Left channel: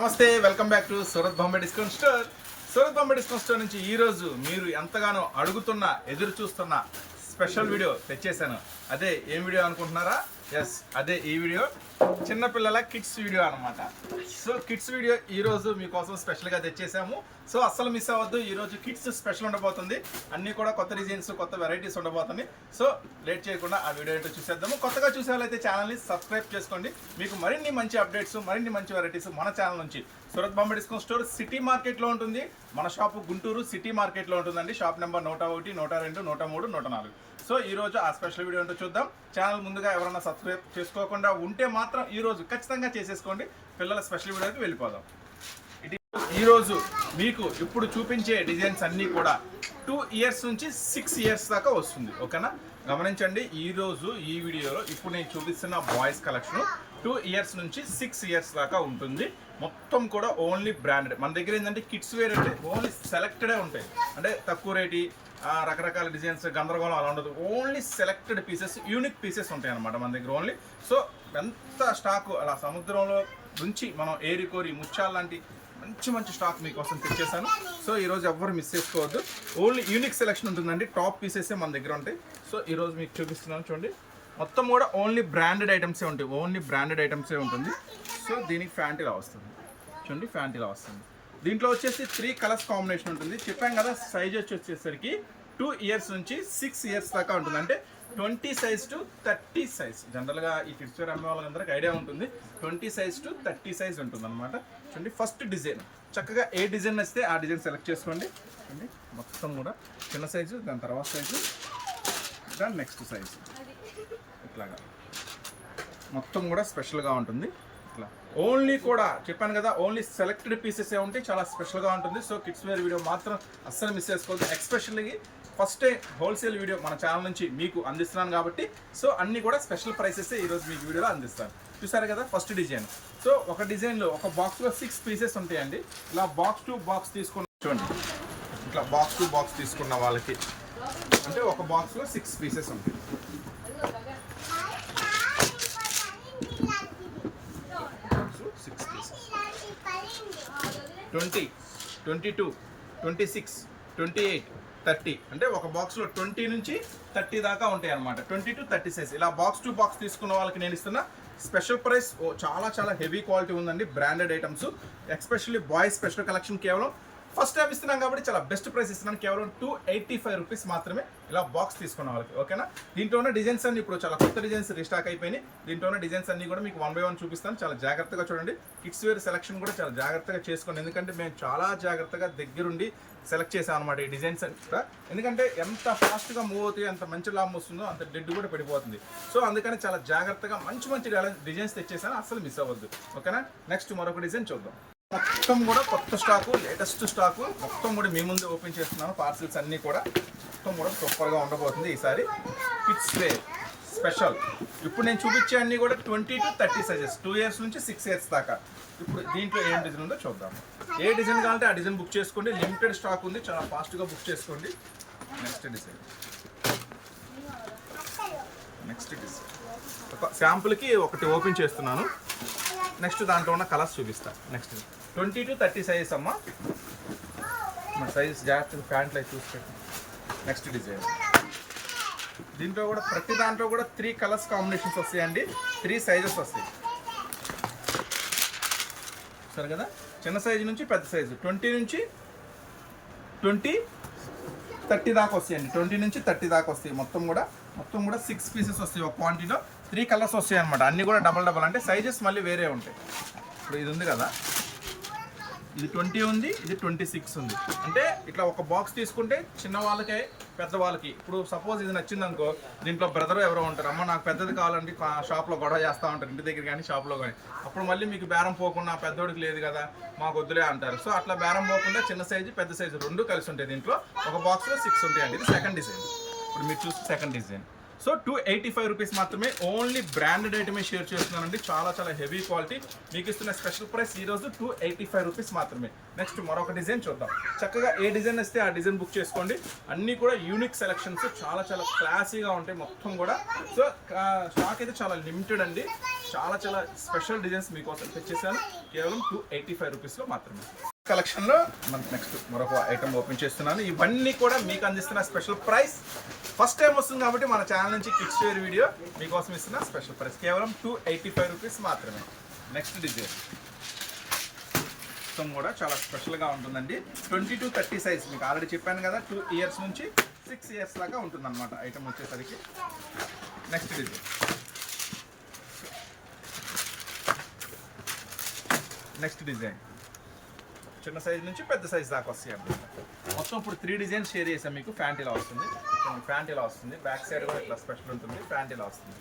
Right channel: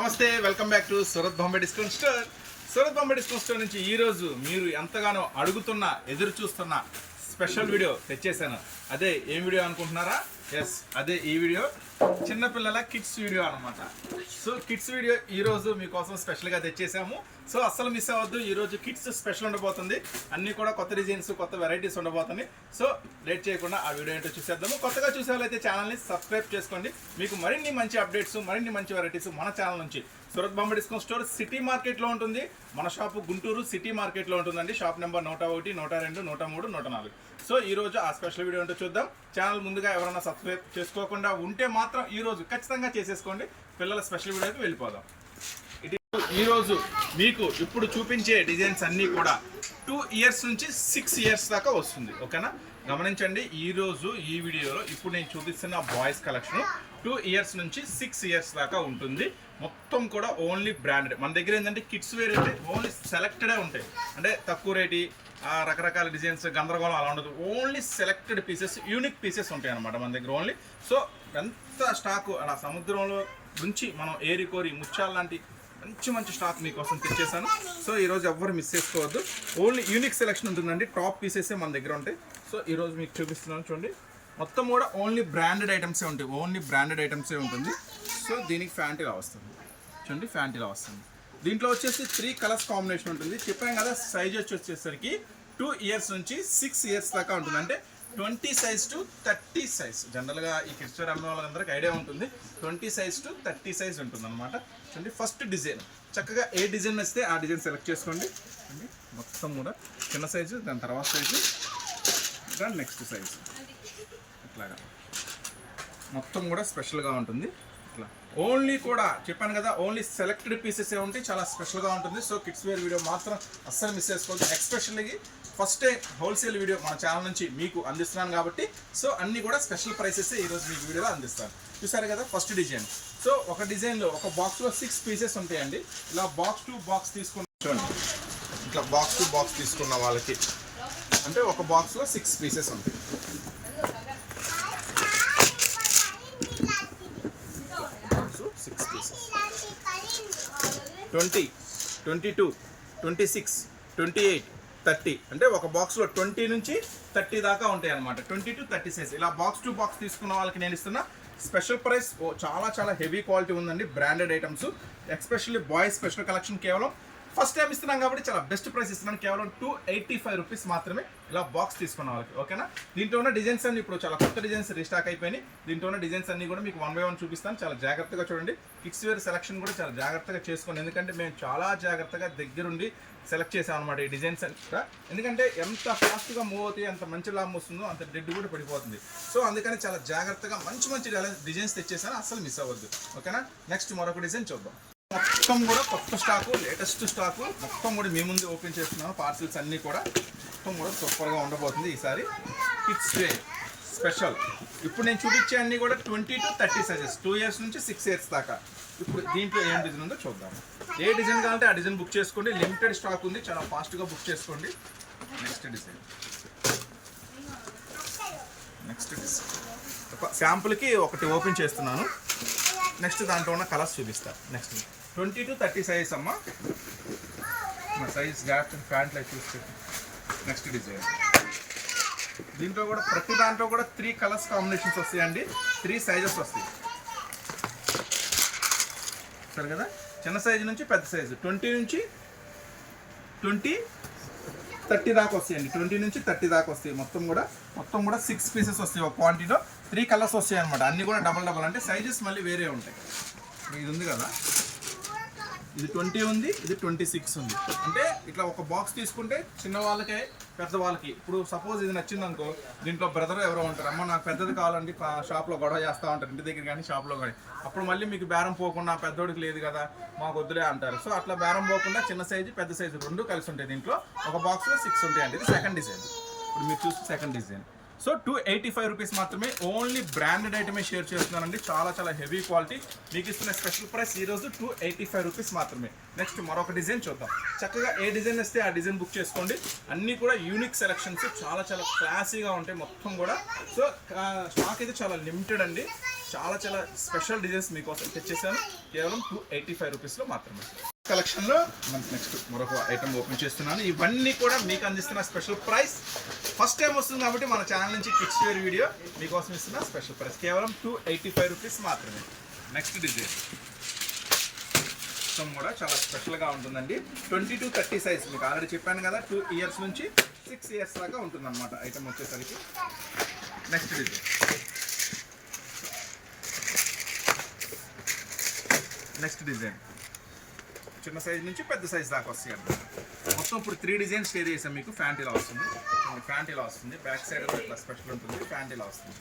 నమస్తే, welcome back to Surat Bombay discount store. Surat Bombay discount store నుంచి ఈరోజు మీరు ఎంతగానో అడుగుతున్న, ఎదురు చూస్తున్న స్పెషల్ వీడియో తెచ్చేసాను. అదే ఏం వీడియో అనుకుంటున్నారా? ఎస్, అదే ఈ వీడియో. చిన్నపిల్లల కిడ్స్ వీడియో అనమాట. సో కిడ్స్ వీడియో ఈరోజు మీకోసం స్పెషల్గా తెచ్చేసాము. సో అస్సలు మిస్ అవ్వద్దు. ఈరోజు కిడ్స్ స్పెషల్ ఉండబోతుంది. అన్నీ కూడా కొత్త డిజైన్స్, కొత్త వెరైటీస్ ఉండబోతుంది. సో లేట్ చేయకుండా ఆ వీడియో ఏంటో చూసేద్దాము. కొత్తగా చూసే వాళ్ళైతే ఛానల్ని సబ్స్క్రైబ్ చేసుకోండి. మీకు మరిన్ని మంచి అప్డేట్స్, మరిన్ని మంచి వెరైటీస్ మన ఛానల్ నుంచి. Surat Bombay discount store city మార్కెట్లో ఉంటుంది. మన షాపు గుంటూరు సిటీ మార్కెట్లో ఉంటుందండి. Shop number 101, 102, 103, 104. సో ఈరోజు ఆ స్పెషల్ వీడియో ఏంటో చూద్దాం. ఛానల్ ముందుగా ఎవరైనా సబ్స్క్రైబ్ చేసుకోకుండా ఉంటే మాత్రం ఈరోజు ఖచ్చితంగా చేసేసుకోండి. పిల్లల స్పెషల్ వీడియోకి వెళ్ళిపోదాం. ఈరోజు మీకు ఇప్పుడు చూపించే డిజైన్స్ అన్నీ కూడా 2 ఇయర్స్ నుంచి 6 ఇయర్స్ దాకా వస్తుంది. ఓకేనా, గమనించండి. ఈరోజు ఈ వీడియోలో ఇప్పుడు నేను చూపిస్తున్న బాయ్స్ కలెక్షన్ 2 ఇయర్స్ నుంచి 6 ఇయర్స్ దాకా ఉంటుంది. మొత్తం కూడా ఓన్లీ బ్రాండెడ్. మన దగ్గర ఏంటంటే కిడ్స్ వేర్ అంటే ఓన్లీ సెలెక్టెడే ఉంటాయి. అంటే తక్కువ రేటి, రకరకాల డిజైన్స్, గందరగోళం అలా ఉండదు. Only selected pieces, unique pieces ఉంటాయి అన్నమాట మన దగ్గర ఓన్లీ. సో ఎంత స్టాకు అలా సముద్రంలో నుంచి మనం ఏరికోరి ముత్యాల లాంటి మంచి మంచి స్టాక్ మీకోసం తెచ్చేసాను. సో ఈరోజు ఎవ్వరు మిస్ చేసుకోవద్దు. ఓన్లీ యూనిక్ సెలెక్షన్ ఉంటుందండి. టాప్ పీసెసే మన దగ్గర ఉంటాయి. సో ఈరోజు మీకు చూపిస్తున్నాను చూడండి. మొత్తం కూడా ఓన్లీ బ్రాండెడ్ ఐటమ్సే ఉంటాయి. ఓన్లీ బ్రాండెడ్ ఐటమ్సే ఉంటుంది. సో దీనికి ఫ్యాంట్ ఇలా వస్తుంది చూడండి. ఫ్యాంట్ ఇలా వస్తుంది. దీంట్లో వచ్చేసి 3 కలర్స్ కాంబినేషన్ ఉంటుంది. చెప్పాం కదా, సైజ్ వచ్చేసరికి 2 ఇయర్స్ నుంచి 6 ఇయర్స్ దాకా ఉంటుంది. అంటే 20 సైజ్ టు 30 సైజ్. జనరల్గా ఈ కిడ్స్ వేర్ అమ్మే వాళ్ళందరికీ ఐడియా ఉంటుంది. 20 సైజ్ టు 30 సైజ్ ఉంటుంది అనమాట. చూడండి, ఫస్ట్ డిజైన్ చక్కగా ఏ డిజైన్ వస్తే ఆ డిజైన్ సెలెక్ట్ చేసుకోండి. చూడండి, మొత్తం కూడా చిన్న సైజు, దాని తర్వాత సైజు, దాని నెక్స్ట్ సైజు, ఇట్లాగా మొత్తం కూడా స్పెషల్గా ఉంటుంది. ఇట్లా ఓన్లీ కూడా చెప్పాను కదా, ఓన్లీ సెలెక్టెడ్ పీసెస్ ఏ ఉంటాయి. చాలా స్పెషల్గా ఉంటుంది. సో కిడ్స్ వేర్ వీడియో మాత్రం అస్సలు మిస్ చేసుకోవద్దు. Especially first time wholesale video మన ఛానల్ నుంచి మీకు అందిస్తున్నాను కాబట్టి సో అన్నీ కూడా స్పెషల్ ప్రైసెస్ ఈరోజు మీకు వీడియోలో అందిస్తాను. చూసారు కదా, ఫస్ట్ డిజైన్. సో ఒక డిజైన్లో ఒక బాక్స్లో 6 పీసెస్ ఉంటాయండి. ఇలా బాక్స్ టు బాక్స్ తీసుకున్న చూడండి. ఇట్లా బాక్స్ టు బాక్స్ తీసుకున్న వాళ్ళకి అంటే ఒక బాక్స్లో 6 పీసెస్ ఉంటాయి. 20, 22, 26, 28, 30 అంటే ఒక బాక్స్లో 20 నుంచి 30 దాకా ఉంటాయి అనమాట. 20 to 30 సైజ్. ఇలా బాక్స్ టు బాక్స్ తీసుకున్న వాళ్ళకి నేను ఇస్తున్న స్పెషల్ ప్రైస్. చాలా చాలా హెవీ క్వాలిటీ ఉందండి. Branded items, especially boys special collection. కేవలం ఫస్ట్ టైం ఇస్తున్నాం కాబట్టి చాలా బెస్ట్ ప్రైస్ ఇస్తున్నాను. కేవలం 285 రూపీస్ మాత్రమే ఇలా బాక్స్ తీసుకున్న వాళ్ళకి. ఓకేనా, దీంట్లో ఉన్న డిజైన్స్ అన్ని ఇప్పుడు చాలా కొత్త డిజైన్స్ రీస్టాక్ అయిపోయినాయి. దీంట్లో ఉన్న డిజైన్స్ అన్ని కూడా మీకు 1 by 1 చూపిస్తాను. చాలా జాగ్రత్తగా చూడండి. కిడ్స్ వేర్ సెలెక్షన్ కూడా చాలా జాగ్రత్తగా చేసుకోండి. ఎందుకంటే మేము చాలా జాగ్రత్తగా దగ్గరుండి సెలెక్ట్ చేసాం అనమాట ఈ డిజైన్స్ కూడా. ఎందుకంటే ఎంత ఫాస్ట్గా మూవ్ అవుతాయి, ఎంత మంచి లాభం వస్తుందో అంత డెడ్ కూడా పడిపోతుంది. సో అందుకని చాలా జాగ్రత్తగా మంచి మంచి డిజైన్స్ తెచ్చేసాను. అస్సలు మిస్ అవ్వద్దు. ఓకేనా, నెక్స్ట్ మరొక డిజైన్ చూద్దాం. మొత్తం కూడా కొత్త స్టాకు, లేటెస్ట్ స్టాకు మొత్తం కూడా మీ ముందు ఓపెన్ చేస్తున్నాను. పార్సిల్స్ అన్నీ కూడా మొత్తం కూడా సూపర్గా ఉండబోతుంది ఈసారి. Kids wear special. ఇప్పుడు నేను చూపించే అన్నీ కూడా 20 to 30 సైజెస్, 2 ఇయర్స్ నుంచి 6 ఇయర్స్ దాకా. ఇప్పుడు దీంట్లో ఏం డిజైన్ ఉందో చూద్దాం. ఏ డిజైన్ కావాలంటే ఆ డిజైన్ బుక్ చేసుకోండి. లిమిటెడ్ స్టాక్ ఉంది, చాలా ఫాస్ట్గా బుక్ చేసుకోండి. నెక్స్ట్ డిజైన్ ఒక శాంపుల్కి ఒకటి ఓపెన్ చేస్తున్నాను. నెక్స్ట్ దాంట్లో ఉన్న కలర్స్ చూపిస్తాను. నెక్స్ట్ 20 to 30 సైజ్ అమ్మ. మా సైజ్ జాగ్రత్తగా ప్యాంట్లో చూసుకోండి. Next design. దీంట్లో కూడా ప్రతి దాంట్లో కూడా 3 కలర్స్ కాంబినేషన్స్ వస్తాయండి. 3 సైజెస్ వస్తాయి. సరే కదా, చిన్న సైజు నుంచి పెద్ద సైజు 20 నుంచి 30 దాకా వస్తాయండి. 20 నుంచి 30 దాకా వస్తాయి. మొత్తం కూడా 6 పీసెస్ వస్తాయి. ఒక క్వాంటిటీలో 3 కలర్స్ వస్తాయి అనమాట. అన్నీ కూడా డబల్ అంటే సైజెస్ మళ్ళీ వేరే ఉంటాయి. ఇప్పుడు ఇది ఉంది కదా, ఇది 20 ఉంది, ఇది 26 ఉంది. అంటే ఇట్లా ఒక బాక్స్ తీసుకుంటే చిన్న వాళ్ళకే పెద్ద వాళ్ళకి. ఇప్పుడు సపోజ్ ఇది నచ్చింది అనుకో, దీంట్లో బ్రదర్ ఎవరో ఉంటారు, అమ్మ నాకు పెద్దది కావాలండి, షాప్లో గొడవ చేస్తూ ఉంటారు, ఇంటి దగ్గర కానీ షాప్లో కానీ. అప్పుడు మళ్ళీ మీకు బేరం పోకుండా పెద్దోడికి లేదు కదా మాకు వద్దులే అంటారు. సో అట్లా బేరం పోకుండా చిన్న సైజు పెద్ద సైజు 2 కలిసి ఉంటాయి. దీంట్లో ఒక బాక్స్లో 6 ఉంటాయండి. ఇది సెకండ్ డిజైన్. ఇప్పుడు మీరు చూస్తే సెకండ్ డిజైన్. సో 285 రూపీస్ మాత్రమే. ఓన్లీ బ్రాండెడ్ ఐటమే షేర్ చేస్తున్నానండి. చాలా చాలా హెవీ క్వాలిటీ. మీకు ఇస్తున్న స్పెషల్ ప్రైస్ ఈరోజు 285 రూపీస్ మాత్రమే. నెక్స్ట్ మరొక డిజైన్ చూద్దాం. చక్కగా ఏ డిజైన్ వస్తే ఆ డిజైన్ బుక్ చేసుకోండి. అన్నీ కూడా యూనిక్ సెలెక్షన్స్, చాలా చాలా క్లాసీగా ఉంటాయి మొత్తం కూడా. సో స్టాక్ అయితే చాలా లిమిటెడ్ అండి. చాలా చాలా స్పెషల్ డిజైన్స్ మీకోసం తెచ్చేసాను కేవలం 285 రూపీస్లో మాత్రమే. కలెక్షన్లో మనకి నెక్స్ట్ మరొక ఐటమ్ ఓపెన్ చేస్తున్నాను. ఇవన్నీ కూడా మీకు అందిస్తున్న స్పెషల్ ప్రైస్. ఫస్ట్ టైం వస్తుంది కాబట్టి మన ఛానల్ నుంచి కిడ్స్ వేర్ వీడియో మీకోసం ఇస్తున్న స్పెషల్ ప్రైస్ కేవలం 285 రూపీస్ మాత్రమే. నెక్స్ట్ డిజైన్ మొత్తం కూడా చాలా స్పెషల్గా ఉంటుందండి. 20 to 30 సైజ్. మీకు ఆల్రెడీ చెప్పాను కదా, 2 ఇయర్స్ నుంచి 6 ఇయర్స్ దాకా ఉంటుందన్నమాట ఐటమ్ వచ్చేసరికి. నెక్స్ట్ డిజైన్ చిన్న సైజ్ నుంచి పెద్ద సైజ్ దాకా వస్తాయి అన్నమాట. మొత్తం ఇప్పుడు 3 డిజైన్స్ షేర్ చేసాం మీకు. ప్యాంట్ ఇలా వస్తుంది, ప్యాంట్ ఇలా వస్తుంది, బ్యాక్ సైడ్ కూడా ఇట్లా స్పెషల్ ఉంటుంది, ప్యాంట్ ఇలా వస్తుంది.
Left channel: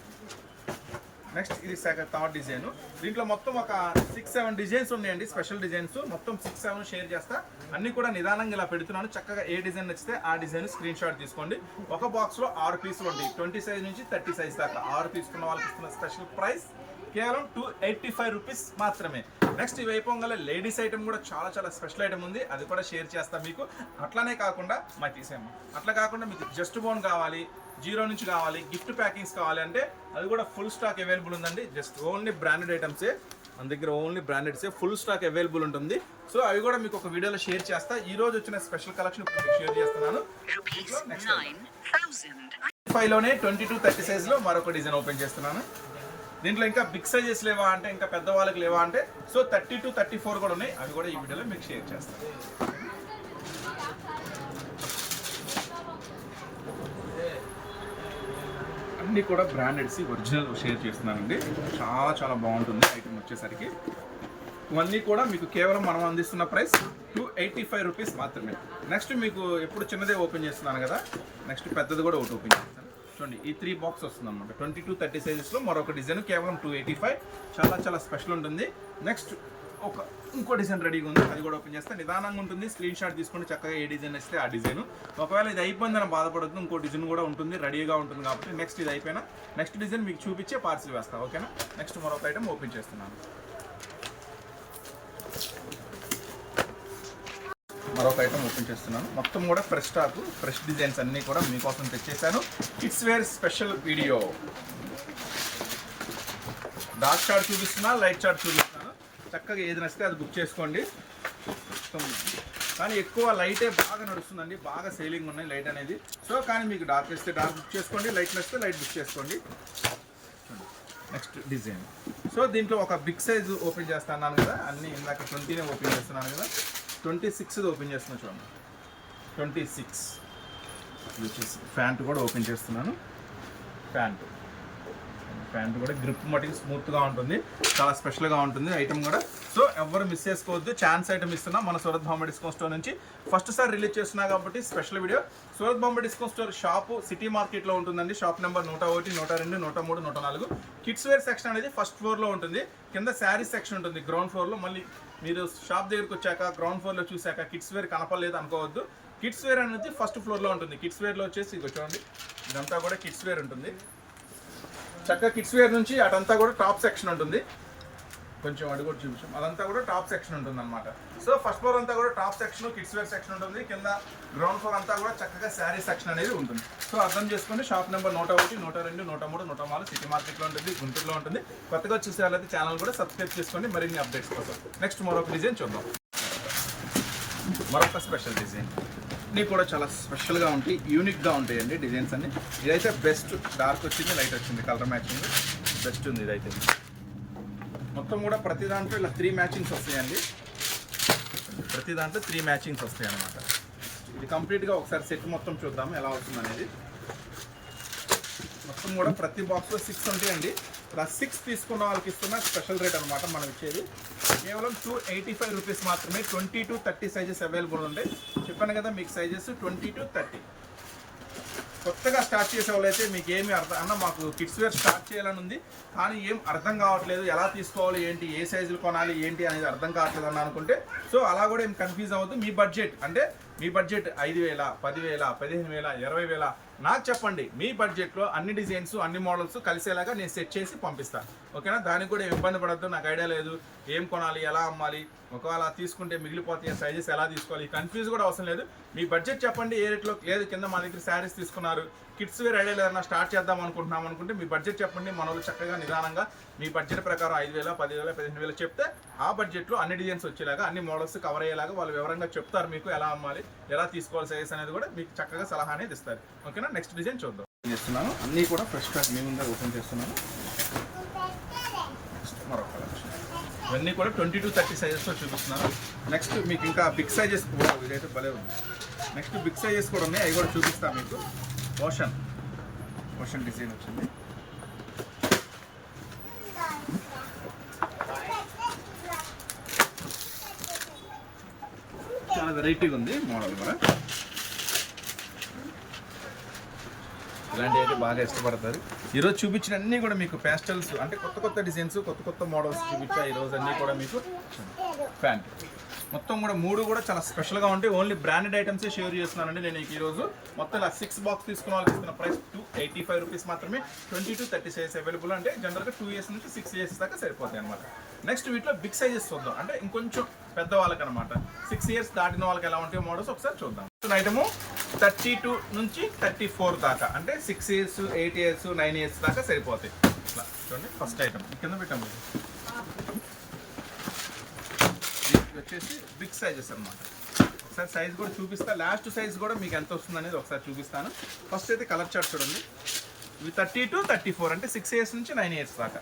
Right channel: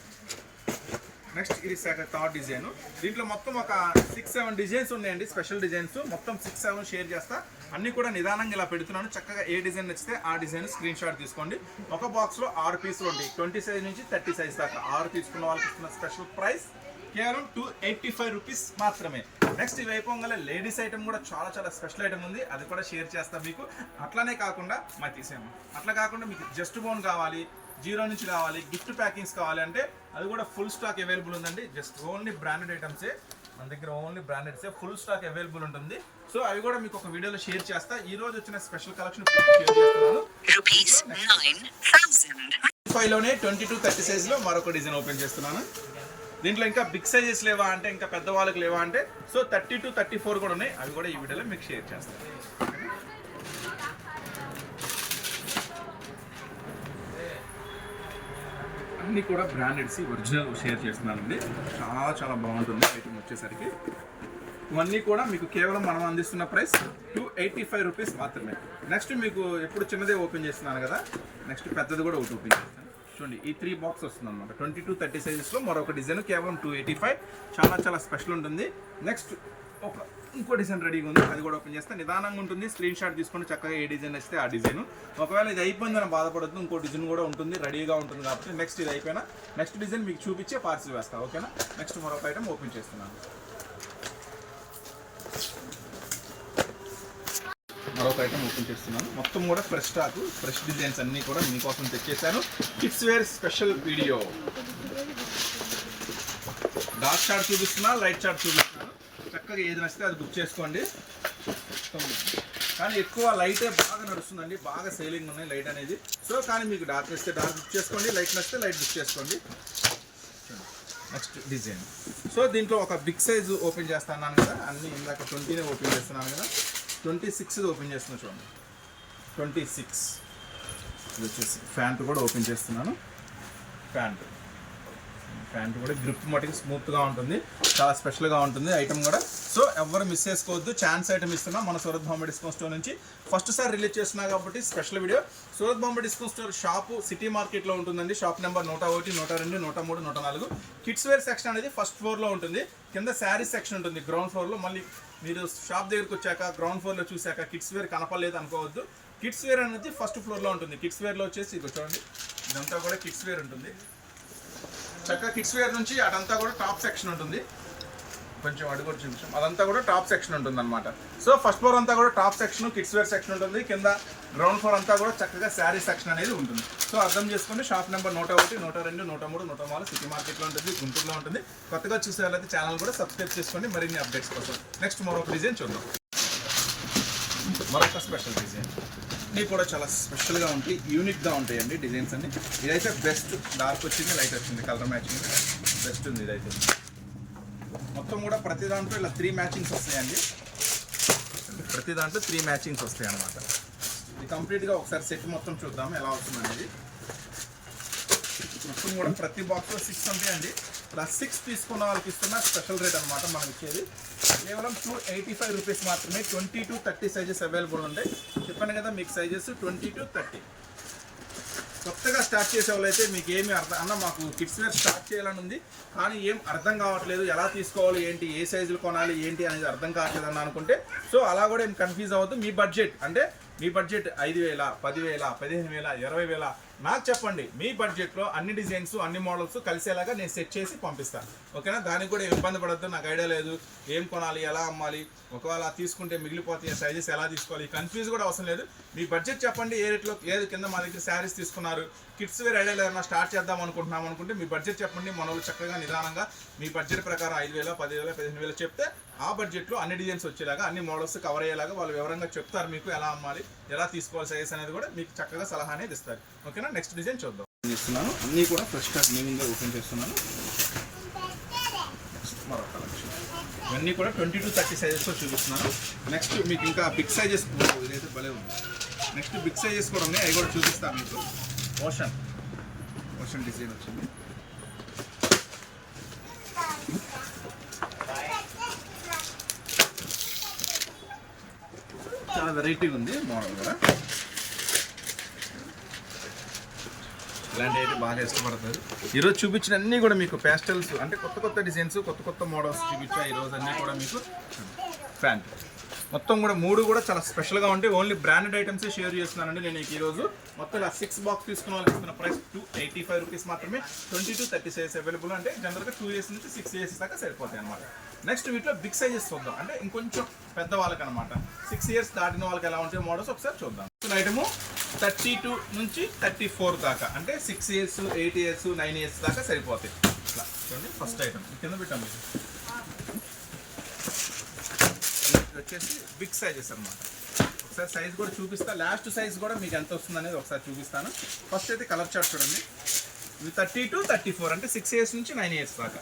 నెక్స్ట్ ఇది థర్డ్ డిజైన్. దీంట్లో మొత్తం ఒక 6-7 డిజైన్స్ ఉన్నాయండి, స్పెషల్ డిజైన్స్. మొత్తం 6-7 షేర్ చేస్తా. అన్నీ కూడా నిదానంగా ఇలా పెడుతున్నాను. చక్కగా ఏ డిజైన్ నచ్చితే ఆ డిజైన్ స్క్రీన్ షాట్ తీసుకోండి. ఒక బాక్స్లో 6 పీసులు ఉంటాయి. 20 సైజ్ నుంచి 30 సైజ్ దాకా 6 తీసుకున్న వాళ్ళకి ఇస్తున్న స్పెషల్ ప్రైస్ కేవలం 285 రూపీస్ మాత్రమే. నెక్స్ట్ ఇవి అయిపోగానే లేడీస్ ఐటమ్ కూడా చాలా చాలా స్పెషల్ ఐటమ్ ఉంది, అది కూడా షేర్ చేస్తాం మీకు. అట్లానే కాకుండా మరి తీసేయమ్మా, అట్లా కాకుండా మీకు జస్ట్ బోన్ కావాలి, 0 నుంచి కావాలి, గిఫ్ట్ ప్యాకింగ్స్ కావాలి అంటే అది కూడా ఫుల్ స్టాక్ అవైలబుల్ ఉందండి. జస్ట్ ఓన్లీ బ్రాండెడ్ ఐటమ్సే మన దగ్గర, ఓన్లీ బ్రాండెడ్సే ఫుల్ స్టాక్ అవైలబుల్ ఉంటుంది. సో అవి కూడా మీకు ఒక వీడియోలో షేర్ చేస్తా. ఈ రోజు వచ్చిన స్పెషల్ కలెక్షన్ షేర్ చేస్తున్నాను. 5లోనే 20 to 30 సైజ్లో మరొక డిజైన్ ఓపెన్ చేస్తున్నాను. దీంట్లో ఇంకా బిగ్ సైజెస్ లేవా అంటే, ఇంకా పెద్ద వాళ్ళకి లేవా అంటే, సో 30 to 34 కూడా ఉన్నాయి. అవి కూడా ఈ వీడియోలో మీకు షేర్ చేస్తాను. అన్నీ కూడా బ్రాండెడ్స్ ఒరిజినల్ షేర్ చేస్తున్నానండి. చాలా చాలా బాగుంటుంది ఐటమ్ వచ్చేసరికి. ఇవన్నీ కూడా మీకు కేవలం మనం అందిస్తున్న ప్రైస్ 285 రూపీస్ మాత్రమే. నెక్స్ట్ మీకు ఎప్పుడు చిన్నదే ఓపెన్ చేస్తున్నాను కదా, నెక్స్ట్ పెద్దది కూడా ఒకటి ఓపెన్ చేస్తాను. చూడండి, ఈ 3 బాక్స్ వస్తుంది అనమాట. 20 to 30 సైజెస్లో మరొక డిజైన్ కేవలం 285. చాలా చాలా స్పెషల్ ఉంటుంది. నెక్స్ట్ ఇంకో డిజైన్ రెడీగా ఉంది, అది కూడా ఓపెన్ చేస్తే నిదానంగా ఉంటుంది. స్క్రీన్ షాట్ తీసుకొని చక్కగా ఏ డిజైన్ వస్తే ఆ డిజైన్. ఒకవేళ ఇది అయిపోయిందని బాధపడద్దు, ఇంకో డిజైన్ కూడా ఉంటుంది, రెడీగా ఉంటుంది కాబట్టి. నెక్స్ట్ ఇది అయిపోయినా నెక్స్ట్ డిజైన్ మీకు చూపించే పార్సిల్ వేస్తా, ఓకేనా. నెక్స్ట్ మరొక ఐటమ్ ఓపెన్ చేస్తున్నాను. మరొక ఐటమ్ ఓపెన్ చేస్తున్నాను. మొత్తం కూడా ఫ్రెష్ స్టాక్, ఫ్రెష్ డిజైన్స్ అన్నీ కూడా మీకోసం తెచ్చేసాను. Kids wear special video. Dark chart చూపిస్తున్నా, లైట్ చార్ట్ చూపిస్తున్నాను. చక్కగా ఏది నచ్చితే అది బుక్ చేసుకోండి. కానీ ఎక్కువ లైటే బాగా నడుస్తుందండి, బాగా సేలింగ్ ఉన్నాయి లైట్ అనేది. సో కానీ మీకు డార్క్ ఇస్తే డార్క్ బుక్ చేసుకోండి, లైట్ నచ్చితే లైట్ బుక్ చేసుకోండి. Next design. సో దీంట్లో ఒక బిగ్ సైజు ఓపెన్ చేస్తున్నాను కదా, అన్నీ ఇందాక 20నే ఓపెన్ చేస్తున్నాను కదా, 26 ఓపెన్ చేస్తున్నా చూడండి. 26 ఇది వచ్చేసి ప్యాంట్ కూడా ఓపెన్ చేస్తున్నాను. ప్యాంట్ కూడా గ్రిప్ మటుకు స్మూత్గా ఉంటుంది, చాలా స్పెషల్గా ఉంటుంది ఐటమ్ కూడా. సో ఎవరు మిస్ చేసుకోవద్దు. ఛాన్స్ ఐటమ్ ఇస్తున్నా మన సూరత్ బాంబే డిస్కౌంట్ స్టోర్ నుంచి. ఫస్ట్ సారి రిలీజ్ చేస్తున్నా కాబట్టి special video. Surat Bombay discount store shop city మార్కెట్లో ఉంటుందండి. Shop number 101, 102, 103, 104. Kids wear section అనేది ఫస్ట్ ఫ్లోర్లో ఉంటుంది. కింద శారీస్ సెక్షన్ ఉంటుంది గ్రౌండ్ ఫ్లోర్లో. మళ్ళీ మీరు షాప్ దగ్గరికి వచ్చాక గ్రౌండ్ ఫ్లోర్లో చూసాక కిడ్స్ వేర్ కనపడలేదు అనుకోవద్దు. కిడ్స్ వేర్ అనేది ఫస్ట్ ఫ్లోర్లో ఉంటుంది. కిడ్స్ వేర్లో వచ్చేసి ఇక చూడండి, ఇదంతా కూడా కిడ్స్ వేర్ ఉంటుంది. చక్కగా కిడ్స్ వేర్ నుంచి అదంతా కూడా టాప్ సెక్షన్ ఉంటుంది. కొంచెం అడుగు కూడా చూపించాం, అదంతా కూడా టాప్ సెక్షన్ ఉంటుంది అనమాట. సో ఫస్ట్ ఫ్లోర్ అంతా కూడా top section, kids wear section ఉంటుంది. కింద గ్రౌండ్ ఫ్లోర్ అంతా కూడా చక్కగా శారీ సెక్షన్ అనేది ఉంటుంది. సో అర్థం చేసుకోండి. షాప్ నెంబర్ 101, 102, 103, 104 సిటీ మార్కెట్లో ఉంటుంది, గుంటూరులో ఉంటుంది. కొత్తగా చూసే వాళ్ళైతే ఛానల్ కూడా సబ్స్క్రైబ్ చేసుకోండి మరిన్ని అప్డేట్స్ కోసం. నెక్స్ట్ మరొక డిజైన్ చూద్దాం. మరొక స్పెషల్ డిజైన్. అన్నీ కూడా చాలా స్పెషల్గా ఉంటాయి, యూనిక్గా ఉంటాయండి డిజైన్స్ అన్ని. ఇదైతే బెస్ట్. డార్క్ వచ్చింది, లైట్ వచ్చింది, కలర్ మ్యాచింగ్ బెస్ట్ ఉంది ఇదైతే. మొత్తం కూడా ప్రతి దాంట్లో ఇలా 3 మ్యాచింగ్స్ వస్తాయండి. ప్రతి దాంట్లో 3 మ్యాచింగ్స్ వస్తాయి అన్నమాట. ఇది కంప్లీట్గా ఒకసారి సెట్ మొత్తం చూద్దాము ఎలా అవుతుంది అనేది. మొత్తం కూడా ప్రతి బాక్స్లో 6 ఉంటాయండి. ఇలా 6 తీసుకున్న వాళ్ళకి ఇస్తున్న స్పెషల్ రేట్ అనమాట మనం ఇచ్చేది. కేవలం 285 రూపీస్ మాత్రమే. 20 to 30 సైజెస్ అవైలబుల్ ఉంటాయి. చెప్పాను కదా మీకు సైజెస్ 20 to 30. కొత్తగా స్టార్ట్ చేసే వాళ్ళు అయితే మీకు ఏమి అన్న మాకు కిడ్స్ వేర్ స్టార్ట్ చేయాలని ఉంది కానీ ఏం అర్థం కావట్లేదు, ఎలా తీసుకోవాలి ఏంటి, ఏ సైజులు కొనాలి ఏంటి అనేది అర్థం కావట్లేదు అని అనుకుంటే సో అలా కూడా ఏం కన్ఫ్యూజ్ అవ్వద్దు. మీ బడ్జెట్ అంటే మీ బడ్జెట్ 5,000, 10,000, 15,000, 20,000 నాకు చెప్పండి, మీ బడ్జెట్లో అన్ని డిజైన్స్ అన్ని మోడల్స్ కలిసేలాగా నేను సెట్ చేసి పంపిస్తాను. ఓకేనా? దానికి కూడా ఇబ్బంది పడద్దు, నాకు ఐడియా లేదు, ఏం కొనాలి, ఎలా అమ్మాలి, ఒకవేళ తీసుకుంటే మిగిలిపోతాయి, సైజెస్ ఎలా తీసుకోవాలి, కన్ఫ్యూజ్ కూడా అవసరం లేదు. మీ బడ్జెట్ చెప్పండి, ఏ రేట్లో లేదు. కింద మా దగ్గర శారీస్ తీసుకున్నారు, కిడ్స్ వేర్ ఐడియా లేదన్నా స్టార్ట్ చేద్దాం అనుకుంటున్నాం అనుకుంటే మీ బడ్జెట్ చెప్పండి. మనోళ్ళు చక్కగా నిదానంగా మీ బడ్జెట్ ప్రకారం 5,000, 10,000, 15,000 చెప్తే ఆ బడ్జెట్లో అన్ని డిజైన్స్ వచ్చేలాగా, అన్ని మోడల్స్ కవర్ అయ్యేలాగా వాళ్ళు వివరంగా చెప్తారు. మీకు ఎలా అమ్మాలి, ఎలా తీసుకోవాలి, సైజెస్ అనేది కూడా మీకు చక్కగా సలహా అనేది ఇస్తారు. ఓకేనా? నెక్స్ట్ డిజైన్ చూద్దాం. చేస్తున్నాను అన్నీ కూడా ఫ్రెష్ స్టాక్ మీ ముందే ఓపెన్ చేస్తున్నాను. నెక్స్ట్ మరొక కలెక్షన్, ఇవన్నీ కూడా 20 to 30 సైజెస్తో చూపిస్తున్నాను. నెక్స్ట్ మీకు ఇంకా బిగ్ సైజెస్ కూడా, ఇదైతే భలే ఉంది. నెక్స్ట్ బిగ్ సైజెస్ కూడా ఉన్నాయి, అవి కూడా చూపిస్తాను మీకు. ఓషన్ డిజైన్ వచ్చింది. చాలా వెరైటీగా ఉంది మోడల్ కూడా. ఇలాంటివి అయితే బాగా ఇష్టపడతారు. ఈరోజు చూపించిన అన్నీ కూడా మీకు ప్యాస్టల్స్ అంటే కొత్త డిజైన్స్, కొత్త మోడల్స్ చూపించా ఈరోజు. అన్నీ కూడా మీకు ప్యాంట్ మొత్తం కూడా 3 కూడా చాలా స్పెషల్గా ఉంటాయి. ఓన్లీ బ్రాండెడ్ ఐటమ్సే షేర్ చేస్తున్నానండి నేను ఈరోజు. మొత్తం ఇలా 6 బాక్స్ తీసుకున్న వాళ్ళకి ఇస్తున్న ప్రైస్ 285 రూపీస్ మాత్రమే. 20 to 30 సైజెస్ అవైలబుల్. అంటే జనరల్గా 2 years నుంచి 6 years దాకా సరిపోతాయి అనమాట. నెక్స్ట్ వీటిలో బిగ్ సైజెస్ చూద్దాం, అంటే ఇంకొంచెం పెద్ద వాళ్ళకి అనమాట. 6 years దాటిన వాళ్ళకి ఎలా ఉంటాయి మోడల్స్ ఒకసారి చూద్దాం. ఐటము 32 నుంచి 34 దాకా, అంటే 6 years, 8 years, 9 years దాకా సరిపోతాయి. ఇట్లా చూడండి. ఫస్ట్ ఐటమ్ కింద పెట్టాం. ఇది వచ్చేసి బిగ్ సైజెస్ అనమాట. ఒకసారి సైజ్ కూడా చూపిస్తా, లాస్ట్ సైజ్ కూడా మీకు ఎంత వస్తుంది అనేది ఒకసారి చూపిస్తాను. ఫస్ట్ అయితే కలర్ చార్ట్ చూడండి. ఇవి 30 to 34, అంటే 6 years నుంచి 9 years దాకా.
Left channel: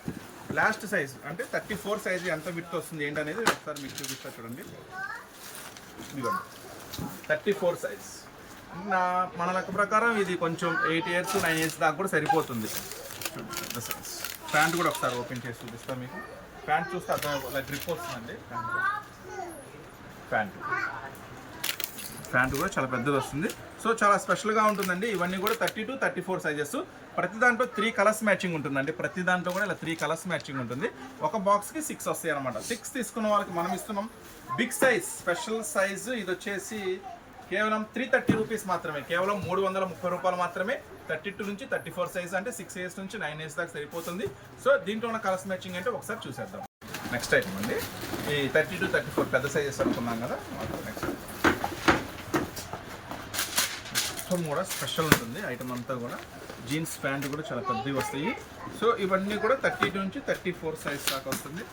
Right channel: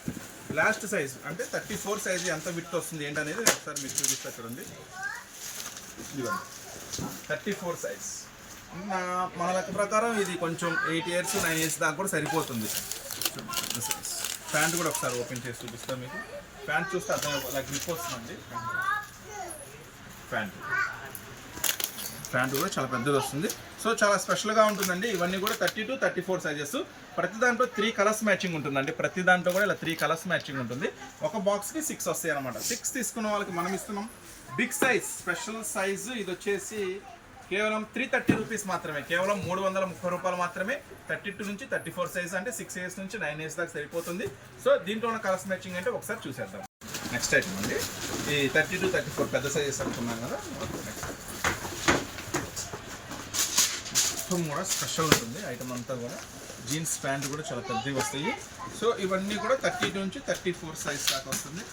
లాస్ట్ సైజ్ అంటే 34 సైజ్ ఎంత విడ్త్ వస్తుంది ఏంటనేది ఒకసారి మీకు చూపిస్తా చూడండి. ఇదిగోండి 34 సైజ్. మన లెక్క ప్రకారం ఇది కొంచెం 8 years, 9 years దాకా కూడా సరిపోతుంది. పెద్ద సైజ్. ప్యాంట్ కూడా ఒకసారి ఓపెన్ చేసి చూపిస్తాను మీకు. ప్యాంట్ చూస్తే అర్థం అలా గ్రిప్ వస్తుందండి. ప్యాంట్ కూడా చాలా పెద్దది వస్తుంది. సో చాలా స్పెషల్గా ఉంటుందండి. ఇవన్నీ కూడా 30 to 34 సైజెస్. ప్రతి దాంట్లో 3 కలర్స్ మ్యాచింగ్ ఉంటుందండి. ప్రతి దాంట్లో కూడా ఇలా 3 కలర్స్ మ్యాచింగ్ ఉంటుంది. ఒక బాక్స్కి 6 వస్తాయి అనమాట. 6 తీసుకున్న వాళ్ళకి మనం ఇస్తున్నాం బిగ్ సైజ్, స్పెషల్ సైజ్. ఇది వచ్చేసి కేవలం 330 రూపీస్ మాత్రమే, కేవలం 330 రూపాయలు మాత్రమే. 32 నుంచి 34 సైజ్, అంటే 6 years నుంచి 9 years దాకా సరిపోతుంది. సో దీంట్లో ఉన్న కలర్స్ మ్యాచింగ్ అంటే ఒకసారి చూసేద్దాం. నెక్స్ట్ ఐటమ్ అండి, ఈ 30 to 34 పెద్ద సైజెస్ అనుకున్నాం కదా. నెక్స్ట్ మొత్తం కూడా స్పెషల్ ఉంటుంది ఐటమ్ అంతా కూడా. జీన్స్ ప్యాంట్ కూడా చాలా పెద్దవి వస్తాయి. సో ఇవన్నీ కూడా 32 నుంచి 34 సైజ్ దాకా వస్తుంది.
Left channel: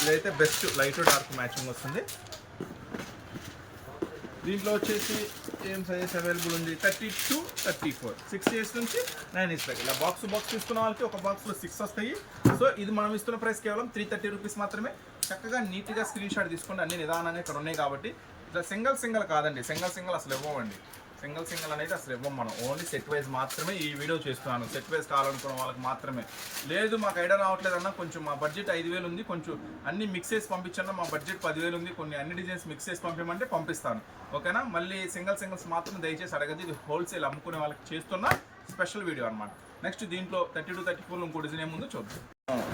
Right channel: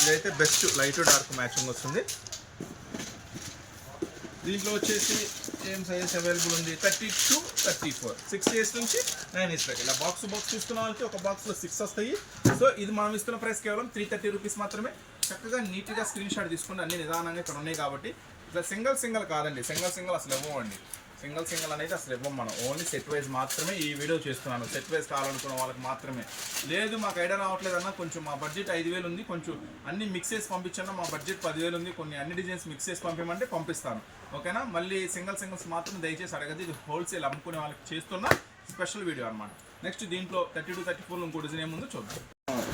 ఇదైతే బెస్ట్ లైట్ డార్క్ మ్యాచింగ్ వస్తుంది. దీంట్లో వచ్చేసి ఏం సైజెస్ అవైలబుల్ ఉంది, 30 to 34, 6 years నుంచి 9 years దాకా. ఇలా బాక్స్ తీసుకున్న వాళ్ళకి ఒక బాక్స్లో 6 వస్తాయి. సో ఇది మనం ఇస్తున్న ప్రైస్ కేవలం 330 రూపీస్ మాత్రమే. చక్కగా నీట్గా స్క్రీన్ షాట్ తీసుకోండి. అన్ని నిదానంగా ఇక్కడ ఉన్నాయి కాబట్టి. ఇట్లా సింగిల్ కాదండి, సింగిల్ అసలు ఇవ్వమండి. సింగిల్ అనేది అసలు ఇవ్వం మనం. ఓన్లీ సెట్ వైజ్ మాత్రమే ఈ వీడియో చేస్తున్నాను. సెట్ వైజ్ కావాలనుకున్న వాళ్ళకి మాత్రమే. లేదు మాకు ఐడియా రావట్లేదన్నా, కొంచెం మా బడ్జెట్ 5,000 ఉంది, కొంచెం అన్ని మిక్స్ చేసి పంపించన్నా, మా బడ్జెట్ 10,000 ఉంది, కొన్ని అన్ని డిజైన్స్ మిక్స్ చేసి పంపించమంటే పంపిస్తాను. ఓకేనా? మళ్ళీ సింగిల్స్ మాత్రం దయచేసి అడగదు. ఇది హోల్సేల్ అమ్ముకునే వాళ్ళకి చేస్తున్న స్పెషల్ వీడియో అనమాట. నెక్స్ట్ దీంట్లో 30 to 34 ఇంకో డిజైన్ ఏముందో చూద్దాం.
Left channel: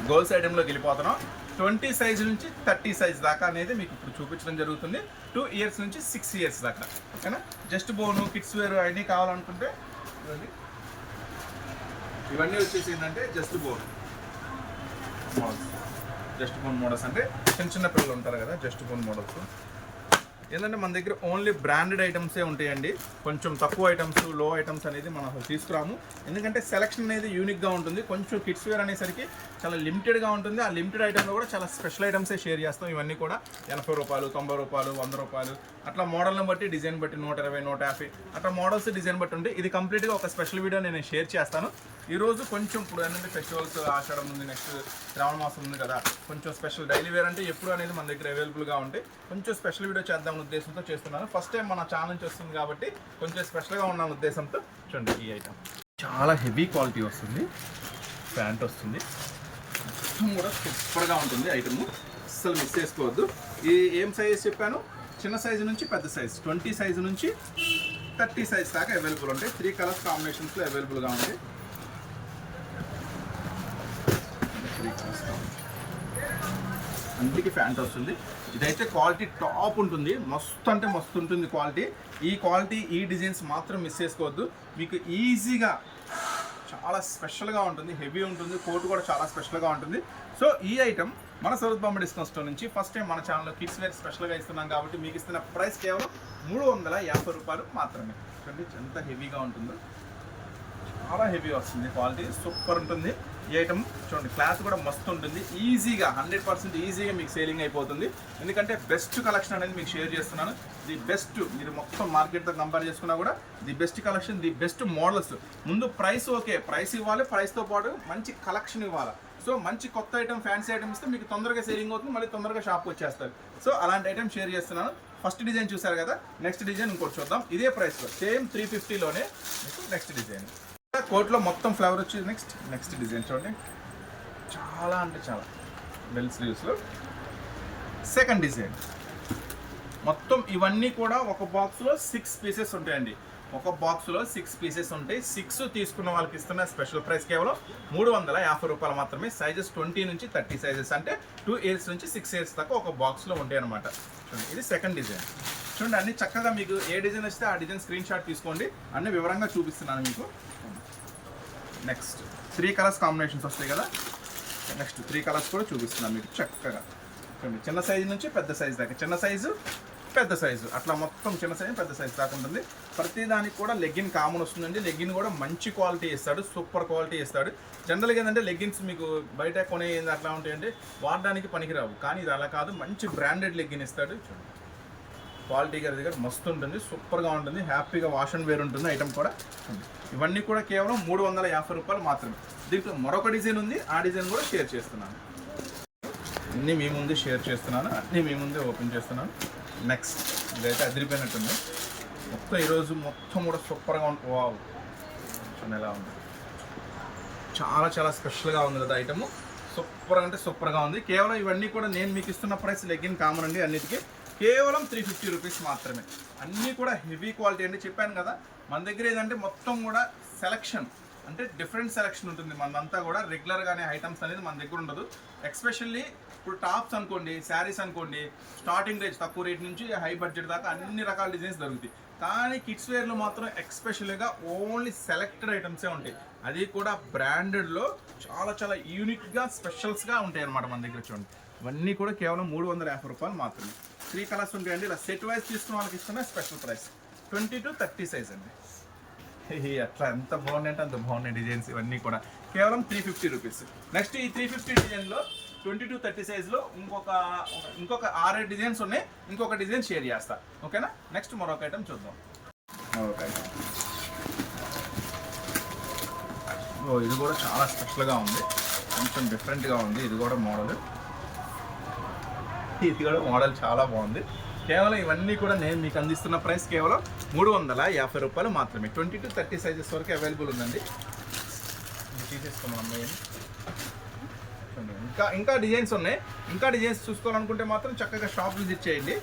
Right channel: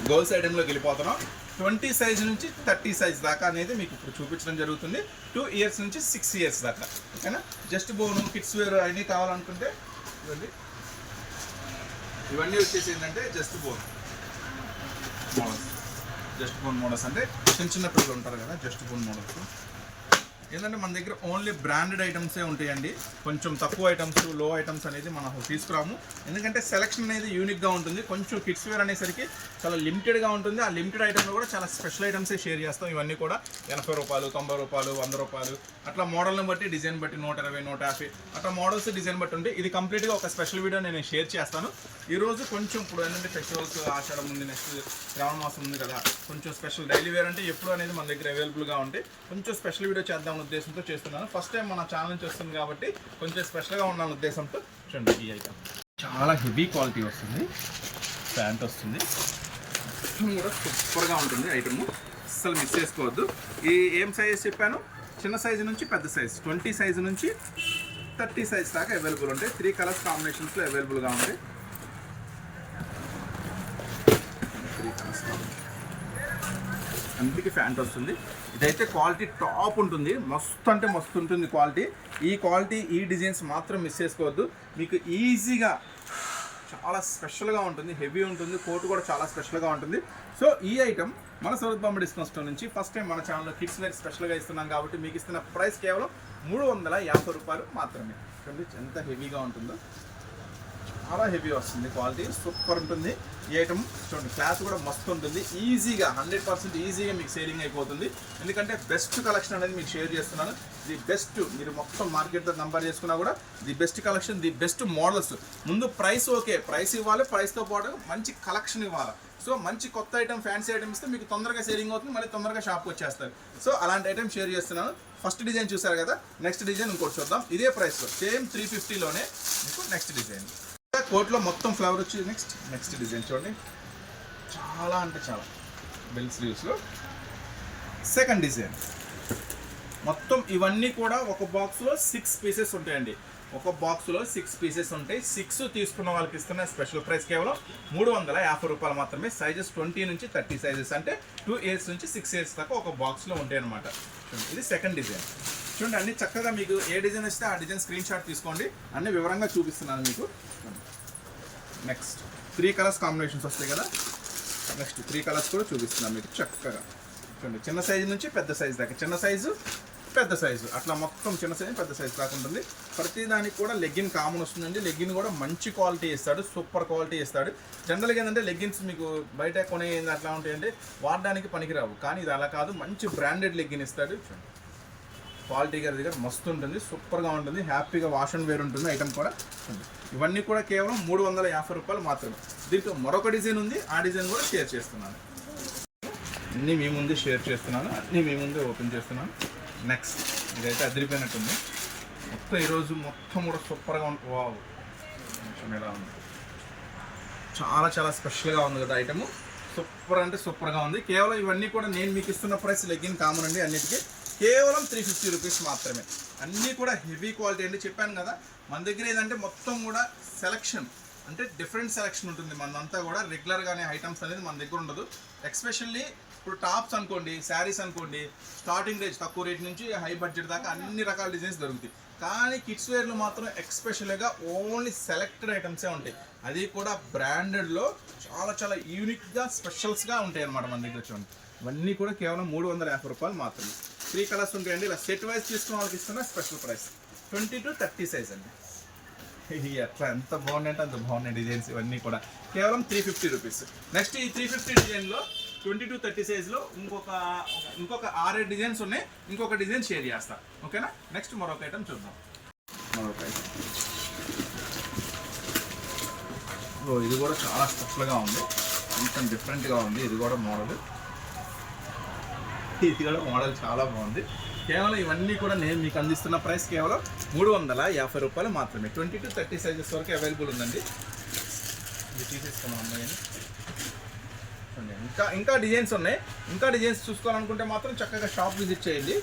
గర్ల్స్ ఐటెంలోకి వెళ్ళిపోతున్నాం. 20 సైజ్ నుంచి 30 సైజ్ దాకా అనేది మీకు ఇప్పుడు చూపించడం జరుగుతుంది. 2 years నుంచి 6 years దాకా. ఓకేనా? జస్ట్ బోను, కిడ్స్ వేర్ అన్నీ కావాలనుకుంటే ఇవన్నీ వచ్చేసి ఏంటంటే just bone models. Just bone models అంటే చిన్న పిల్లలు ఉంటారు కదా, జస్ట్ బోన్ మోడల్స్. ఏంటంటే మన దగ్గర ఓన్లీ బ్రాండెడ్ ఐటమ్సే ఉంటాయండి. కొంచెం తక్కువ ఐటమ్స్, లో ఐటమ్స్ అనేది మనం తీసుకురాము. ఎందుకంటే సెలక్షన్ అనేది యూనిక్గా ఉంటుంది. కొంచెం కిడ్స్ వేర్ అనేసరికి చాలా లిమిటెడ్గా ఉంటుంది. ఆ లిమిటెడ్ ఐటమ్లో కూడా చాలా స్పెషల్ ఐటమ్సే షేర్ చేస్తాం. ఇవన్నీ కూడా 80 రూపాయలు, 90 రూపాయలు, 100 రూపాయలు అట్లా మోడల్ని బట్టి, డిజైన్ బట్టి 120, 150 అట్లా మోడల్స్ డిజైన్ బట్టి ఉంది. ఇది కంప్లీట్గా ఒక స్పెషల్ వీడియో నేను షేర్ చేస్తాను. ఈరోజు కొంచెం ఇప్పుడు ఏంటంటే ఫెస్టివల్స్, ఆషాఢం ఉంది, నెక్స్ట్ శ్రావణ మాసం ఉంది కదా, కొంచెం స్పెషల్ డైలీ వేర్ అంటే ఎప్పుడు అనేది మన దగ్గర అవైలబుల్గా ఉంటే కొంచెం స్పెషల్ వీడియో చేద్దాం ఉద్దేశంతో చేస్తున్నాను. ఫస్ట్ టైం మన ఛానల్ నుంచి వస్తుంది కాబట్టి కొంచెం స్పెషల్గా ఉన్న ఉద్దేశంతో చూడండి. ఈ ఐటమ్ చాలా హెవీ క్వాలిటీ వస్తుంది. ప్యాంట్ వస్తుంది, మొత్తం కూడా సూపర్గా ఉంటుంది ఐటమ్. అస్సలు మిస్ చేసుకోవద్దు. ఈ ఏం సైజ్ చెప్పాను, చిన్న సైజు నుంచి పెద్ద సైజ్, 20 సైజు నుంచి 30 సైజ్ దాకా అవైలబుల్ ఉంటాయి. 3 కలర్స్ కాంబినేషన్స్లో అవైలబుల్గా ఉంటాయి. 3 కలర్స్ కాంబినేషన్ అన్నిటికీ ప్యాంట్ వస్తుంది. ఇదైతే క్వాలిటీ టాప్ ఉంటుంది, మస్తు అంటే మస్తు ఉంటుంది క్వాలిటీ. ఈ క్వాలిటీ ఈ డిజైన్స్ మాత్రం మిస్ చేసుకోవద్దు. మీకు ఈజీగా చాలా స్పెషల్గా ఉంటుంది, హెవీ ఉంటుంది, కోట్ కూడా చాలా స్పెషల్గా ఉంటుంది. సో ఈ ఐటమ్ మన సూరత్ బాంబే డిస్కౌంట్ స్టోర్ నుంచి ఫస్ట్ టైం మన ఛానల్లో కిడ్స్ వేర్ స్పెషల్గా ఇస్తున్నాం కాబట్టి మీకు ఇస్తున్న ప్రైస్ కేవలం 350 రూపాయలు మాత్రమే. చూడండి ఎంత హెవీగా ఉంటుందో, చాలా హెవీ వస్తుంది, క్వాలిటీ సూపర్ ఉంటుంది. ఈ ఐటమ్ చూడండి క్లాస్ కూడా మస్తు ఉంటుంది, ఈజీగా 100% ఈజీగా మీకు సేలింగ్ అయిపోతుంది. ఎందుకంటే బెస్ట్ కలెక్షన్ అనేది మీకు షేర్ చేస్తున్నాను. ది బెస్ట్, మీరు మొత్తం మార్కెట్తో కంపేర్ చేసుకున్నా కూడా the best collection, the best models. ముందు ప్రైస్ ఓకే, ప్రైస్ ఇవ్వాలి, ప్రైస్తో పాటు మంచి కలెక్షన్ ఇవ్వాలి. సో మంచి కొత్త ఐటమ్, ఫ్యాన్సీ ఐటమ్ ఇస్తే మీకు తొందరగా సేలింగ్ అవుతుంది, మళ్ళీ తొందరగా షాప్కి వచ్చేస్తారు. సో అలాంటి ఐటమ్ షేర్ చేస్తున్నాను. ఫస్ట్ డిజైన్ చూసారు కదా, నెక్స్ట్ డిజైన్ ఇంకోటి చూద్దాం. ఇదే ప్రైస్లో సేమ్ 350లోనే మీకు నెక్స్ట్ డిజైన్. కోట్లో మొత్తం ఫ్లవర్ వచ్చి నెక్స్ట్ డిజైన్ చూడండి, చాలా అంటే చాలా బెల్ స్లీవ్స్లో సెకండ్ డిజైన్. మొత్తం ఇవన్నీ కూడా ఒక బాక్స్లో 6 పీసెస్ ఉంటాయండి. ఒక బాక్స్లో 6 పీసెస్ ఉంటాయి. 6 తీసుకున్న వాళ్ళకి ఇస్తున్న స్పెషల్ ప్రైస్ కేవలం 350 రూపాయలు మాత్రమే. సైజెస్ 20 నుంచి 30 సైజెస్, అంటే 2 ఇయర్స్ నుంచి 6 ఇయర్స్ దాకా ఒక బాక్స్లో ఉంటాయి అనమాట. చూడండి ఇది సెకండ్ డిజైన్. చూడండి అన్ని చక్కగా మీకు ఏ డిజైన్ వస్తే ఆ డిజైన్ స్క్రీన్ షాట్ తీసుకోండి, అన్ని వివరంగా చూపిస్తున్నాను మీకు. నెక్స్ట్ 3 కలర్స్ కాంబినేషన్స్ వస్తాయి కదా, నెక్స్ట్ 3 కలర్స్ కూడా చూపిస్తున్నాను మీకు చక్కగా. చూడండి చిన్న సైజు నుంచి పెద్ద సైజు దాకా, చిన్న సైజు పెద్ద సైజు, అట్లా మొత్తం చిన్న సైజు పెద్ద సైజు దాకా ఉంటుంది. ప్రతి దానికి కూడా లెగ్గిన్ కామన్ వస్తుందండి. లెగ్గిన్ కూడా మంచి క్వాలిటీ ఇస్తాడు, సూపర్ క్వాలిటీ ఇస్తాడు. జనరల్గా ఏంటంటే లెగ్గిన్స్ మీకు బయట కొనే అట్లా ఉంటాయంటే వాడడానికి పనికిరావు, కానీ ఇది అలా కాదు, మంచి బ్రాండెడ్ లెగ్గిన్ ఇస్తాడు. చూడండి క్వాలిటీ గారి దగ్గర మస్తు ఉంటుంది, సూపర్గా ఉంటుంది, హ్యాపీగా వాష్ అండ్ వేర్ ఉంటుంది ఐటమ్ కూడా. ఇవన్నీ కూడా కేవలం 350 రూపాయలు మాత్రమే. దీంట్లో మరొక డిజైన్ ఉంది, ఆ డిజైన్ కూడా షేర్ చేస్తున్నాను. అన్నీ మీ ముందే షేర్ చేస్తున్నాను, అన్నీ మీ ముందే ఓపెన్ చేస్తున్నాను. నెక్స్ట్ ఇదైతే అదిరిపోయినట్టుంది మొత్తం, ఈరోజు మొత్తం కూడా సూపర్గా ఉంటుంది. వావ్ ఎలా ఉంది, చాలా చాలా స్పెషల్గా ఉంది కదా ఐటమ్, సూపర్ అంటే సూపర్గా ఉంది. కేవలం ఇవన్నీ కూడా నేను మీకు ఇస్తున్న ప్రైస్ లెగ్గిన్ కామన్ అండి, అన్నిటికీ కేవలం 350 రూపీస్ మాత్రమే. అన్నీ కూడా హెవీ క్వాలిటీ అండి. చెప్పాను కదా మన దగ్గర ఏదంటే మొత్తం కూడా సెలెక్షన్ అంటే డిఫరెంట్ సెలెక్షన్ ఉంటుంది. మనదంతా కూడా రెగ్యులర్గానే ఐటమ్స్ అనేది మన దగ్గర ఉండదు. ఎక్స్పెషల్లీ ఇప్పుడు టాప్స్ అనుకోండి, శారీస్ అనుకోండి, స్టార్టింగ్ రేంజ్ తక్కువ రేట్ నుంచి హై బడ్జెట్ దాకా అన్ని రకాల డిజైన్స్ దొరుకుతాయి. కానీ కిడ్స్ వేర్లో మాత్రం ఎక్స్పెషల్గా ఓన్లీ సెలెక్టెడ్ ఐటమ్సే ఉంటాయి, అది కూడా బ్రాండెడ్లో చాలా చాలా యూనిక్గా స్పెషల్స్గా ఉంటాయి అన్నమాట మన దగ్గర. చూడండి ఇవన్నీ కూడా కేవలం 350 రూపాయలు మాత్రమే. 3 కలర్స్ ఉంటాయండి. ఇలా సెట్ వైజ్ తీసుకున్న వాళ్ళకి ఇస్తున్న స్పెషల్ ప్రైస్ 20 to 30 సైజ్ అండి. అట్లా ఎంత బాగున్నాయి అంటే అంత బాగున్నాయి డిజైన్స్. ఇవన్నీ కూడా కేవలం 350 రూపీస్. నెక్స్ట్ ఈ 350 డిజైన్లో 20 to 30 సైజ్లో ఇంకొక 6 డిజైన్స్ ఉన్నాయి. ఇంకొక డిజైన్ షేర్ చేస్తా, ఓకేనా. నెక్స్ట్ మరొక ఐటమ్ చూద్దాం. మరొక ఐటమ్ ఇది కూడా చాలా స్పెషల్గా ఉంది, కొంచెం డిఫరెంట్గా ఉంది. ఇది కూడా మోడల్ చాలా బాగుంది. కేవలం ఇవన్నీ కూడా నేను మీకు అందిస్తున్న ప్రైస్ కేవలం 350 రూపాయలు మాత్రమే. 20 to 30 సైజెస్ వరకు అవైలబుల్ ఉందండి. ఇది తీసేసుకున్నాం అమ్మాయి. ఇంకా డిజైన్స్ ఉన్నాయి. ఇంకా డిజైన్స్ చూసుకోవాలనుకుంటే మాత్రం చక్కగా షాప్ విజిట్ చేయండి.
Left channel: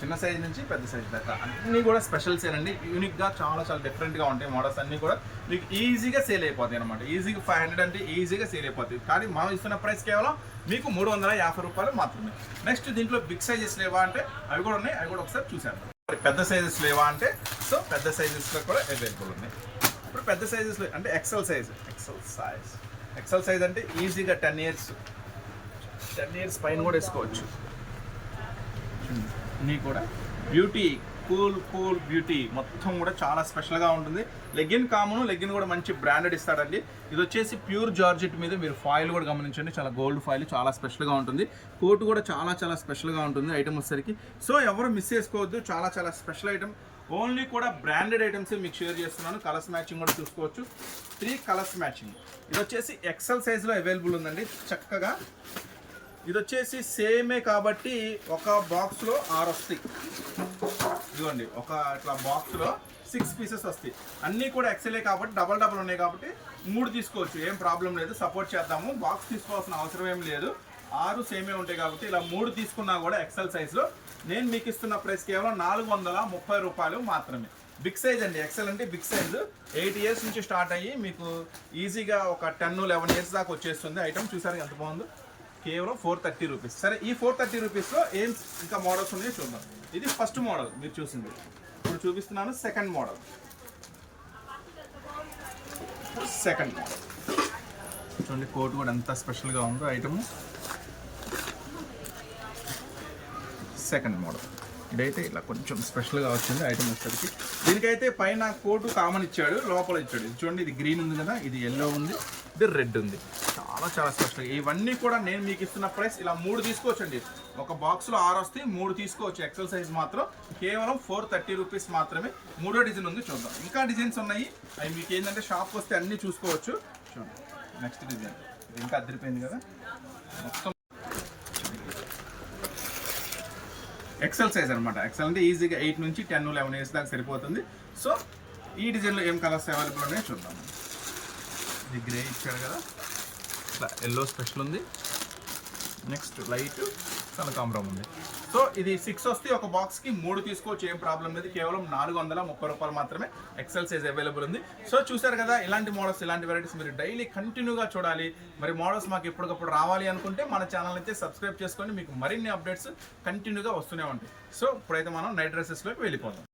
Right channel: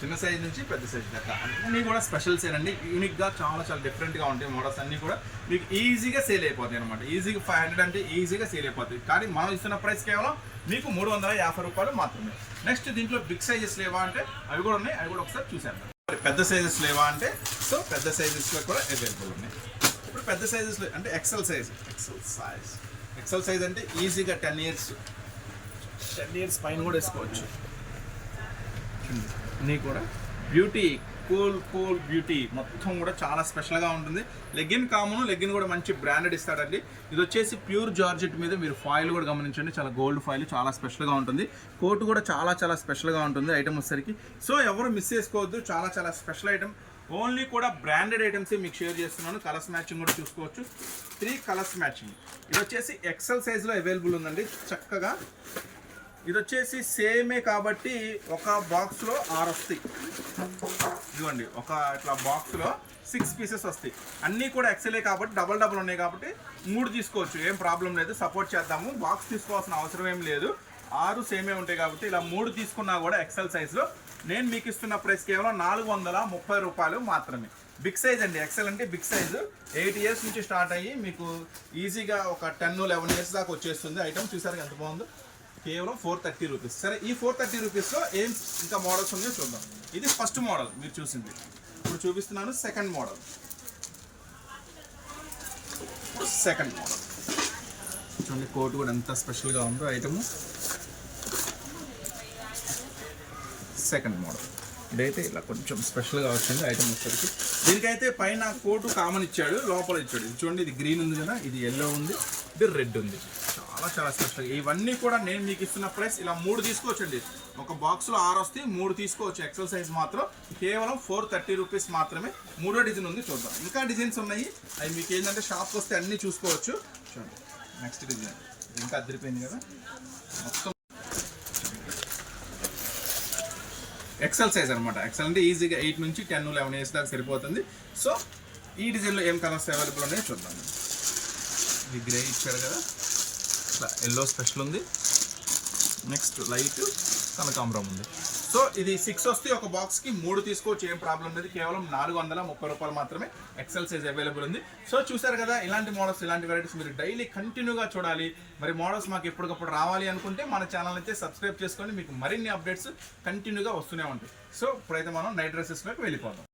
చిన్న సైజ్ నుంచి పెద్ద సైజ్ దాకా అన్నీ కూడా స్పెషల్సేనండి. యూనిక్గా చాలా చాలా డిఫరెంట్గా ఉంటాయి మోడల్స్ అన్నీ కూడా. మీకు ఈజీగా సేల్ అయిపోతాయి అనమాట. ఈజీగా 500 అంటే ఈజీగా సేల్ అయిపోతాయి. కానీ మనం ఇస్తున్న ప్రైస్ కేవలం మీకు 350 రూపాయలు మాత్రమే. నెక్స్ట్ దీంట్లో బిగ్ సైజెస్ లేవా అంటే అవి కూడా ఉన్నాయి, అవి కూడా ఒకసారి చూసేద్దాం. పెద్ద సైజెస్ లేవా అంటే సో పెద్ద సైజెస్లో కూడా అవైలబుల్ ఉన్నాయి. ఇప్పుడు పెద్ద సైజెస్లో అంటే ఎక్సెల్ సైజ్ అంటే ఈజీగా 10 ఇయర్స్ పైన కూడా వేసుకోవచ్చు. అన్నీ కూడా బ్యూటీ, కూల్ బ్యూటీ మొత్తం కూడా చాలా స్పెషల్గా ఉంటుంది. లెగ్గిన్ కామన్, లెగ్గిన్ కూడా మంచి బ్రాండెడ్ ఇస్తాడండి. ఇది వచ్చేసి ప్యూర్ జార్జెట్ మీద మీరు ఫాయిల్ కూడా గమనించండి, చాలా గోల్డ్ ఫాయిల్, చాలా స్పెషల్గా ఉంటుంది. కోట్ కూడా చాలా చాలా స్పెషల్గా ఉంటుంది ఐటమ్ వచ్చేసరికి. సో ఎవరు మిస్ చేసుకోవద్దు, చాలా చాలా స్పెషల్ ఐటమ్. ఓన్లీ కూడా బ్రాండెడ్ ఐటమ్సే మీకు షేర్ చేస్తున్నాను. కలర్స్ మ్యాచింగ్ కూడా చూసుకోవచ్చు, 3 కలర్స్ మ్యాచింగ్. ఇది వచ్చేసి ఎక్సెల్ సైజ్లో అవైలబుల్ ఉందండి చక్కగా. ఇది వచ్చేసి సేమే కాబట్టి ఒక బాక్స్లో 6 వస్తాయి. ఇదిగోండి ఒక ఇట్లా బాక్స్లో 6 పీసెస్ వస్తాయి. అన్నీ కూడా ఎక్సెలే కాబట్టి డబల్ ఉన్నాయి కాబట్టి 3 తీసుకోవచ్చు, ఏం ప్రాబ్లం లేదు. సపోర్ట్ చేద్దాము, బాక్స్ తీసుకోవాల్సిన అవసరం ఏం లేదు. 6 సేమే ఉంటాయి కాబట్టి ఇలా 3 తీసుకున్నా కూడా ఎక్సెల్ సైజ్లో నేను మీకు ఇస్తున్న ప్రైస్ కేవలం 430 రూపాయలు మాత్రమే. బిగ్ సైజ్ అండి, ఎక్సెల్ అంటే బిగ్ సైజు. 8 ఇయర్స్ నుంచి స్టార్ట్ అయ్యి మీకు ఈజీగా ఒక 10-11 ఇయర్స్ దాకా వచ్చేస్తుంది ఐటమ్. చూసారు ఎంత బాగుందో, కేవలం 430 రూపీస్. సరే, ఈ 430 రూపీస్లో ఏం ఇంకా మోడల్స్ ఉన్నాయో చూద్దాం. ఇది ఫస్ట్ మోడల్ మీరు చూసింది. ఇప్పుడు చూపిస్తున్నాను సెకండ్ మోడల్. సెకండ్ మోడల్ చూడండి, కోట్ కూడా ఎంత స్పెషల్గా ఉందో ఐటమ్. సెకండ్ మోడల్ ఇదైతే ఇలా కొంచెం స్పెషల్గా వచ్చింది ఐటమ్ వచ్చేసరికి. దీనికైతే పైన కోటు కామన్ ఇచ్చాడు, లోపల ఇచ్చాడు. ఇది చూడండి, ఇది గ్రీన్ ఉంది కదా, ఇది ఎల్లో ఉంది, ఇది రెడ్ ఉంది. చాలా చాలా స్పెషల్గా. ఇవన్నీ కూడా నేను మీకు ఇస్తున్న ప్రైస్ ఇలా 3 తీసుకోవచ్చండి. ఒక బాక్స్లో 6 వస్తాయి, 3 తీసుకోవచ్చు. ఎక్సెల్ సైజ్ మాత్రం కేవలం 430 రూపీస్ మాత్రమే. 3వ డిజైన్ ఉంది, చూద్దాం. ఇంకా డిజైన్స్ ఉన్నాయి, అవి మీకు ఏంటంటే షాప్కి వస్తే అన్నీ చూసుకోవచ్చు. చూడండి, నెక్స్ట్ డిజైన్ ఇది ఇంకా అదిరిపోయింది కదా, మొత్తం ఎక్సెల్ సైజ్ అనమాట. ఎక్సెల్ అంటే ఈజీగా 8 నుంచి 10, 11 ఇయర్స్ దాకా సరిపోతుంది. సో ఈ డిజైన్లో ఏం కలర్స్ అవైలబుల్ ఉన్నాయో చూద్దాం. ఇది గ్రే ఇచ్చాడు కదా, ఇట్లా ఎల్లో స్పెషల్ ఉంది. నెక్స్ట్ లైట్ కనకాంబరం ఉంది. సో ఇది 6 వస్తే ఒక బాక్స్కి 3 తీసుకోవచ్చు, ఏం ప్రాబ్లం లేదు. కేవలం 430 రూపాయలు మాత్రమే ఎక్సెల్ సైజ్ అవైలబుల్ ఉంది. సో చూసారు కదా, ఇలాంటి మోడల్స్, ఇలాంటి వెరైటీస్ మీరు డైలీ కంటిన్యూగా చూడాలి. మరి మోడల్స్ మాకు ఎప్పటికప్పుడు రావాలి అనుకుంటే మన ఛానల్ అయితే సబ్స్క్రైబ్ చేసుకొని మీకు మరిన్ని అప్డేట్స్ కంటిన్యూగా వస్తూనే ఉంటాయి. సో ఇప్పుడైతే మనం నైట్ డ్రెస్సెస్లోకి వెళ్ళిపోదాం.